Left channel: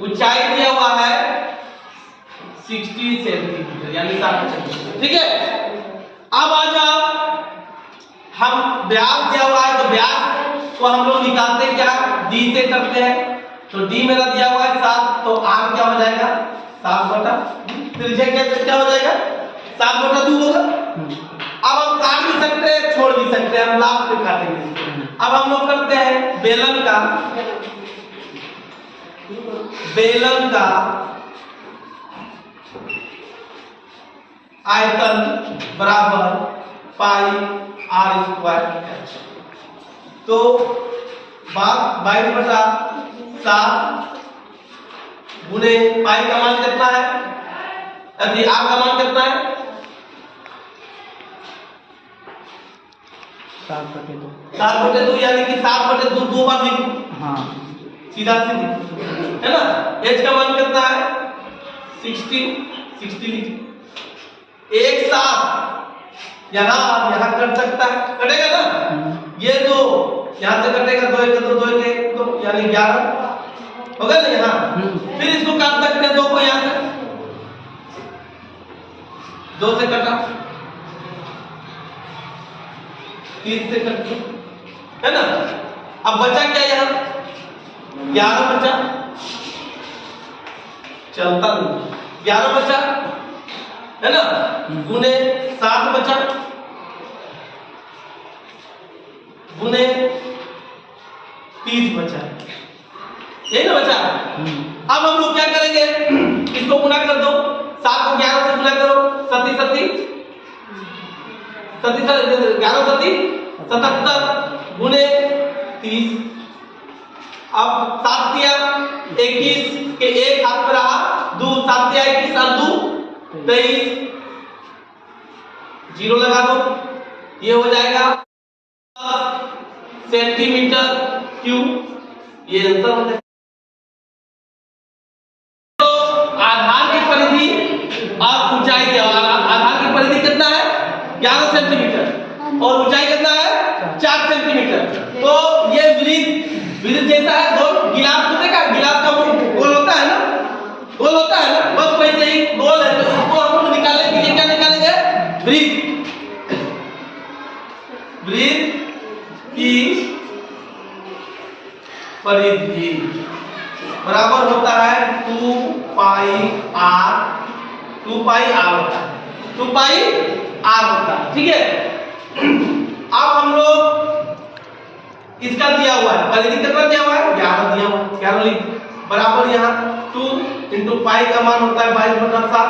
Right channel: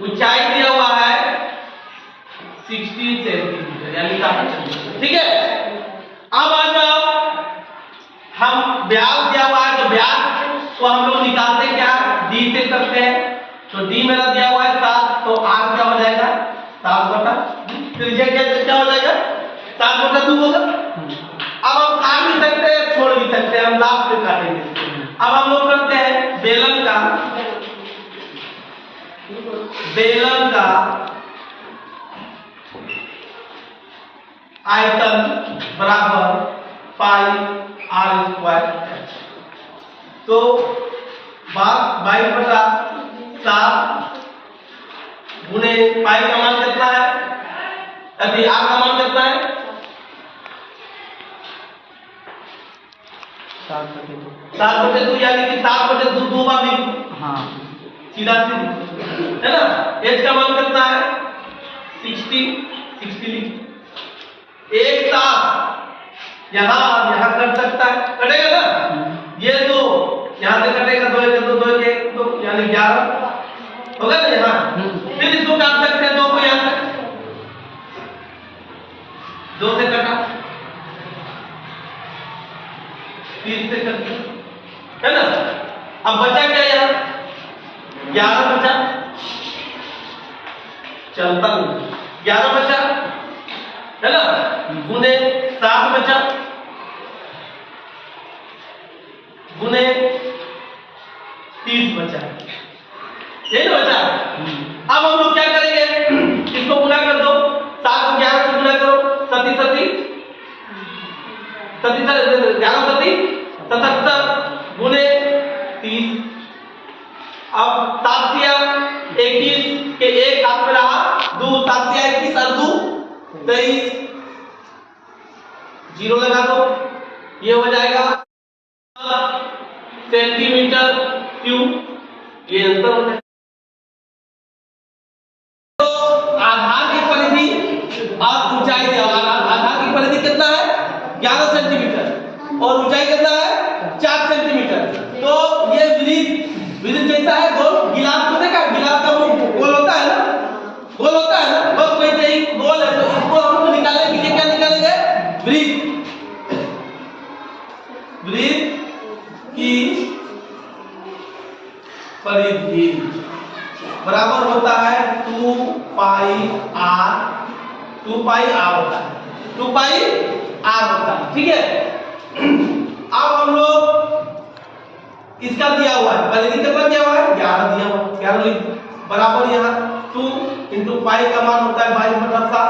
ऊंचाई दिया हुआ है 60 सेंटीमीटर यानी 60 सेंटीमीटर। ठीक है, अब आ जाओ, हम व्यास दिया हुआ है तो व्यास को हम लोग निकालते क्या, डी से करते हैं। तो डी मेरा दिया हुआ है 7, तो आर क्या हो जाएगा 7 बटा, त्रिज्या क्या हो जाएगा 7 बटा 2 होगा। अब हम काट भी सकते हैं छोड़ भी सकते हैं, हम लास्ट में काटेंगे। अब हम लोग करते हैं बेलन का आयतन बराबर पाई आर स्क्वायर। तो 22 बटा 7 गुने पाई का मान कितना है, यदि आर का मान कितना है 7/2 यानी कि 7/2 दो बार लिखो। हाँ, सीधा सीधी है ना। h का मान कितना है 60 लिखो। एक साथ यहाँ कट सकता है, कटेगा ना, ये दो यहाँ से कटेगा, 2 1 2 2 1 तो यानी 11 होगा ना यहाँ। फिर इसको काट सकते हैं 2 को यहाँ से 2 से कटा, 30 से कट है ना। अब बचा क्या यहाँ 11 बचा, चलता नहीं 11 बचा है ना, गुने 7 बचा गुने 30 बचा, यही ना बचा। अब हम लोग क्या करेंगे, इसको गुना कर दो, 7 को 11 से गुना करो, 37 11 77 गुने 30। अब 7 दिया 21 के एक हाथ में रहा, 2 7 दिया 21 और 2 23, 0 लगा दो, ये हो जाएगा सेंटीमीटर क्यूब, ये आंसर हो जाएगा। तो आधार की परिधि और ऊंचाई के आधार की परिधि कितना है 11 सेंटीमीटर और ऊंचाई कितना है 4 सेंटीमीटर। तो ये वृत्त जैसा है, गोल गिलास को देखा, गिलास का गोल होता है ना, गोल होता है ना, बस वैसे ही गोल है। तो इसको हम लोग निकालने के लिए क्या निकालेंगे, वृत्त की परिधि बराबर होता है 2 पाई आर होता है, 2 पाई आर होता है। ठीक है, अब हम लोग इसका दिया हुआ है, परिधि कितना दिया हुआ है 11 दिया हुआ है, 11 लिख बराबर यहाँ 2 इंटू पाई का मान होता है 22 बटा 7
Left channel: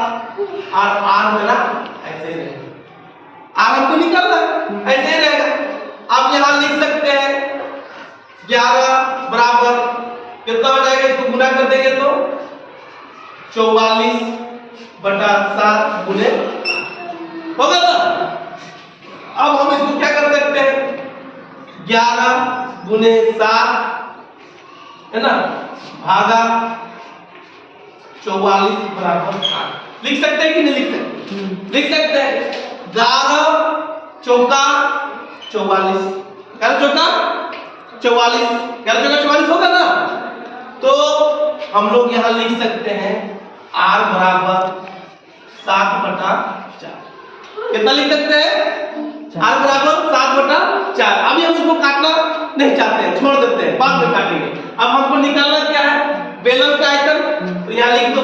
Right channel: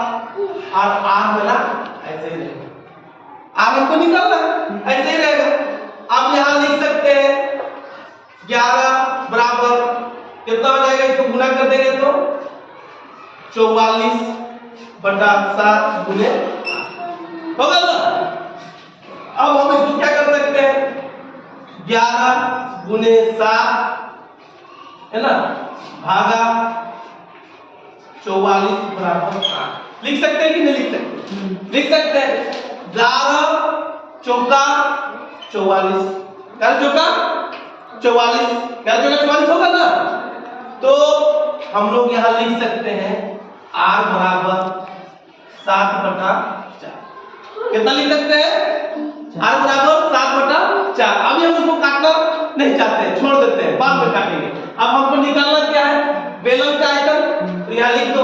और आर मिला ऐसे ही रहेगा, आर हमको निकालना है ऐसे ही रहेगा। अब यहाँ लिख सकते हैं 11 बराबर कितना हो जाएगा, इसको गुना कर देंगे तो 44 बटा 7 गुने होगा ना। अब हम इसको क्या कर सकते हैं 11 गुने 7 है ना भागा 44 बराबर 8 लिख सकते हैं कि नहीं लिख सकते, लिख सकते हैं। 11 चौका 44, 11 चौका 44, 11 चौका 44 होगा ना। तो हम लोग यहाँ लिख सकते हैं r बराबर 7 बटा 4, कितना लिख सकते हैं r बराबर 7 बटा 4। अभी हम इसको काटना नहीं चाहते हैं, छोड़ देते हैं, बाद में काटेंगे। अब हमको निकालना क्या है बेलन का आयतन, तो यहाँ लिख दो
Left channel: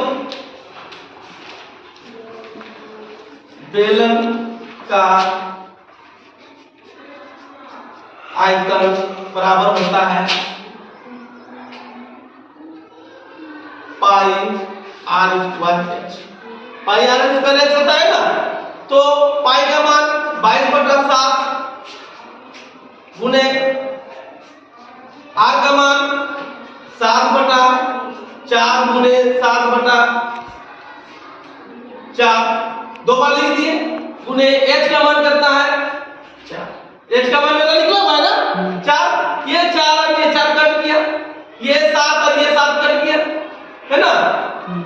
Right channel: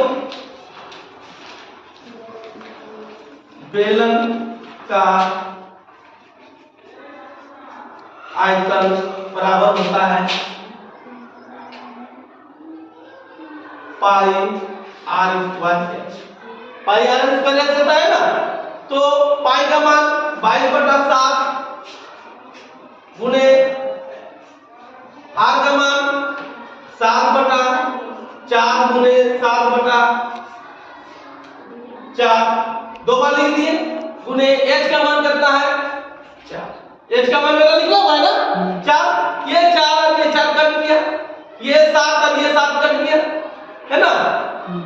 बेलन का आयतन बराबर होता है pi r square h, pi r square h होता है ना। तो पाई का मान 22 बटा 7 गुने आर का मान 7 बटा 4 गुने 7 बटा 4, 2 बार लिख दिए, गुने एच का मान कितना है 4, एच का मान मेरा निकला हुआ है ना 4, ये 4 और ये 4 कट गया, ये 7 और ये 7 कट गया है ना,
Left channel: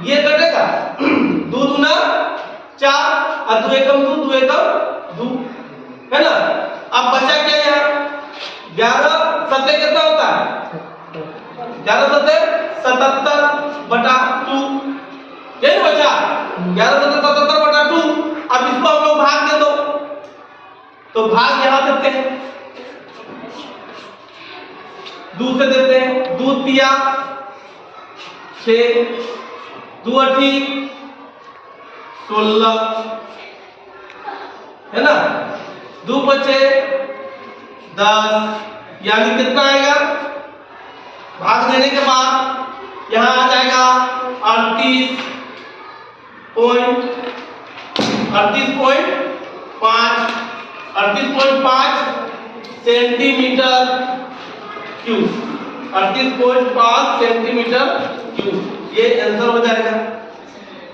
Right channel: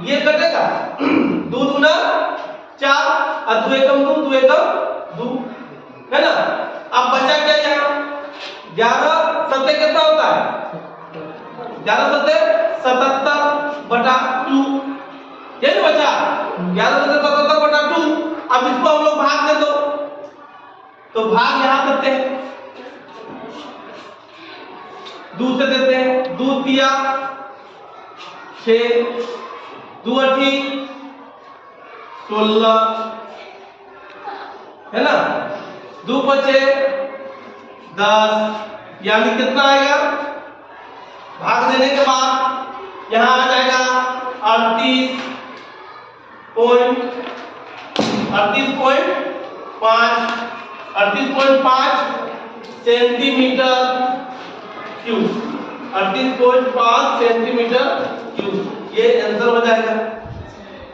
ये कटेगा 2 दूना 4 और 2 एकम 2 2 एकम 2 है ना। अब बचा क्या यहाँ 11 सत्ते कितना होता है 11 सत्ते 77/2, ये ना बचा 11 सत्ते 77/2। अब इसको हम लोग भाग दे दो, तो भाग यहां देते हैं, दूध से देते हैं, दूध दिया 6, 2 8 16 है ना, 2 बचे 10, यानी कितना आएगा भाग देने के बाद यहां आ जाएगा 38.5 सेंटीमीटर क्यूब, 38.5 सेंटीमीटर क्यूब, ये आंसर हो जाएगा।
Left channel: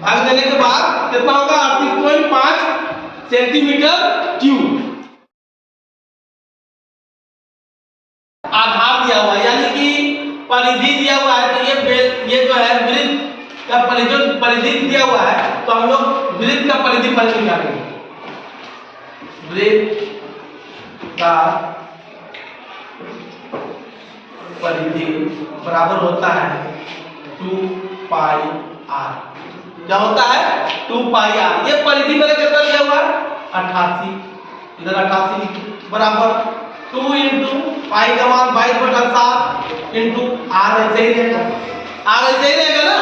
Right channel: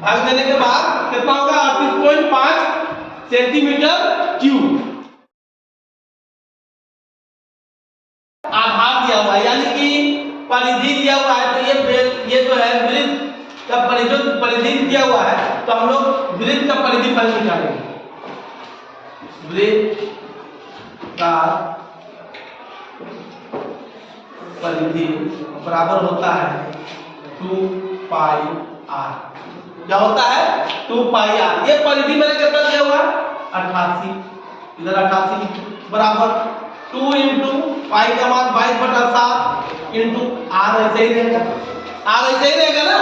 भाग देने के बाद कितना होगा 38.5 सेंटीमीटर क्यूब। आधार दिया हुआ है यानी कि परिधि दिया हुआ है, तो ये जो है वृत्त का परिधि दिया हुआ है, तो हम लोग वृत्त का परिधि पहले निकालेंगे। वृत्त का परिधि बराबर होता है 2πr। क्या होता है 2πr। ये परिधि मैंने कितना लिया हुआ है 88, इधर 88 बराबर 2 इंटू पाई का मान 22/7 इंटू आर, ऐसे ही रहेगा, आर ऐसे ही रहेगा ना।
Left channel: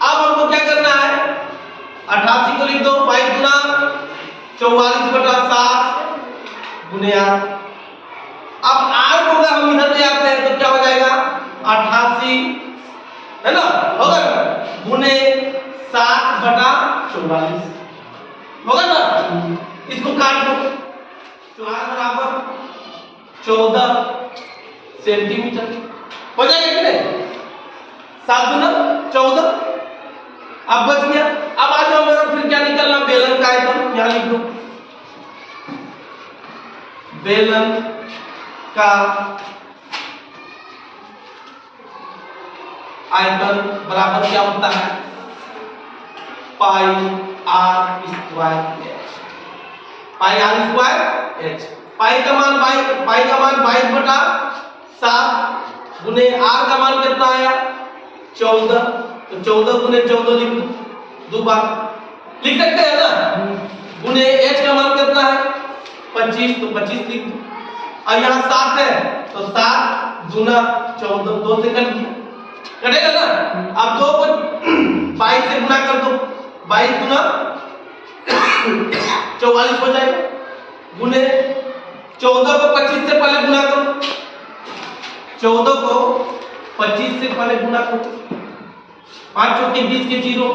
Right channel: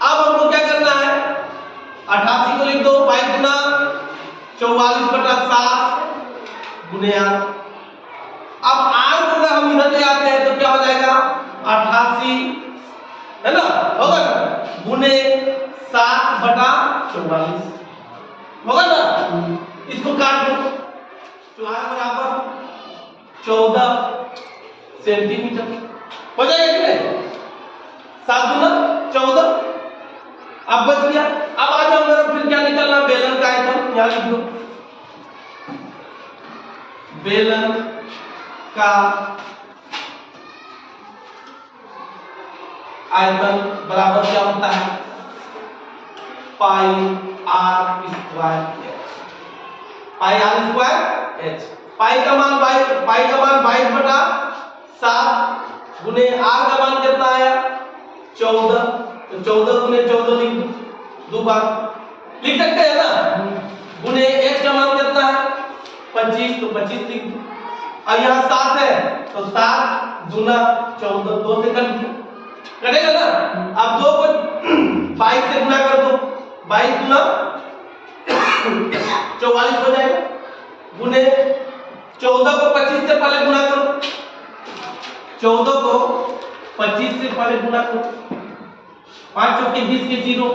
अब हमको क्या करना है 88 को लिख दो 22 गुना 44/7 गुने आर। अब आर को अगर हम इधर ले आते हैं तो क्या हो जाएगा 88 है ना, होगा ना, गुने 7/44 होगा ना। इसको काट दो, तो आर बराबर 14 सेंटीमीटर हो जाएगा कि नहीं, 7 गुना 14। अब बच गया। अब आ जाओ मेरा फिर क्या निकलना, बेलन का आयतन यहां लिख दो। बेलन का आयतन बराबर क्या होता है pi r square h, pi r square h. पाई का मान 22/7 गुने आर का मान कितना आया 14, तो 14 गुने 14 लिख दो, 2 बार लिख सकते हैं ना। गुने एच का मान कितना है 25, तो 25 लिख दो। और यहाँ 7 है तो 7 गुना 14, 2 से कटेगा ना। अब 2 को 22 से गुना कर दो, 22 गुना 44 हो जाएगा, गुने 14 को 25 से पहले गुना करो, 14 को 25 से पहले गुना करो, 5 चौके 20 के 0,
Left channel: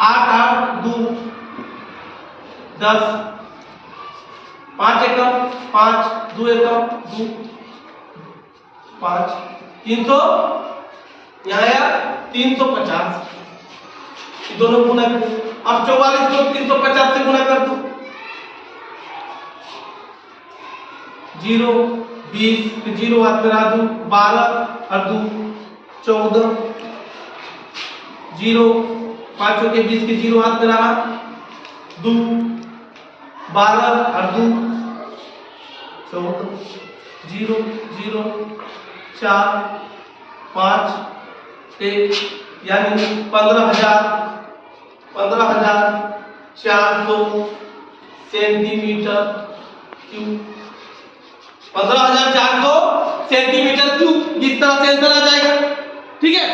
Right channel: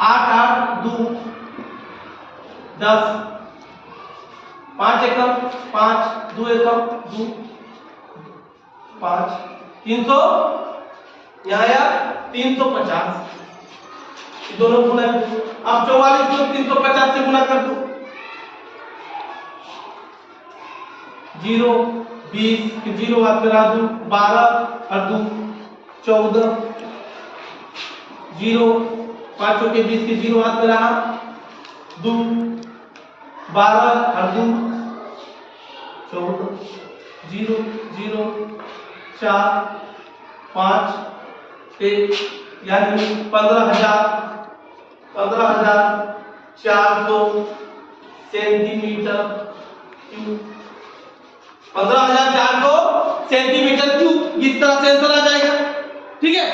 8 8 2 10, 5 एकम 5, 2 एकम 2 5, 300 यहाँ आया 350, ये दोनों गुना। अब 44 को 350 से गुना कर दो, 0 20 के 0 हाथ में रहा दो, 12 और 2 14, 0 5 के 20 के 0 हाथ में रहा 2, 12 और 2 14, 0 0 4 5 1, यानी 15,400 सेंटीमीटर क्यूब, 15,400 सेंटीमीटर क्यूब। इस तरह से आंसर आ जाएगा, ठीक है।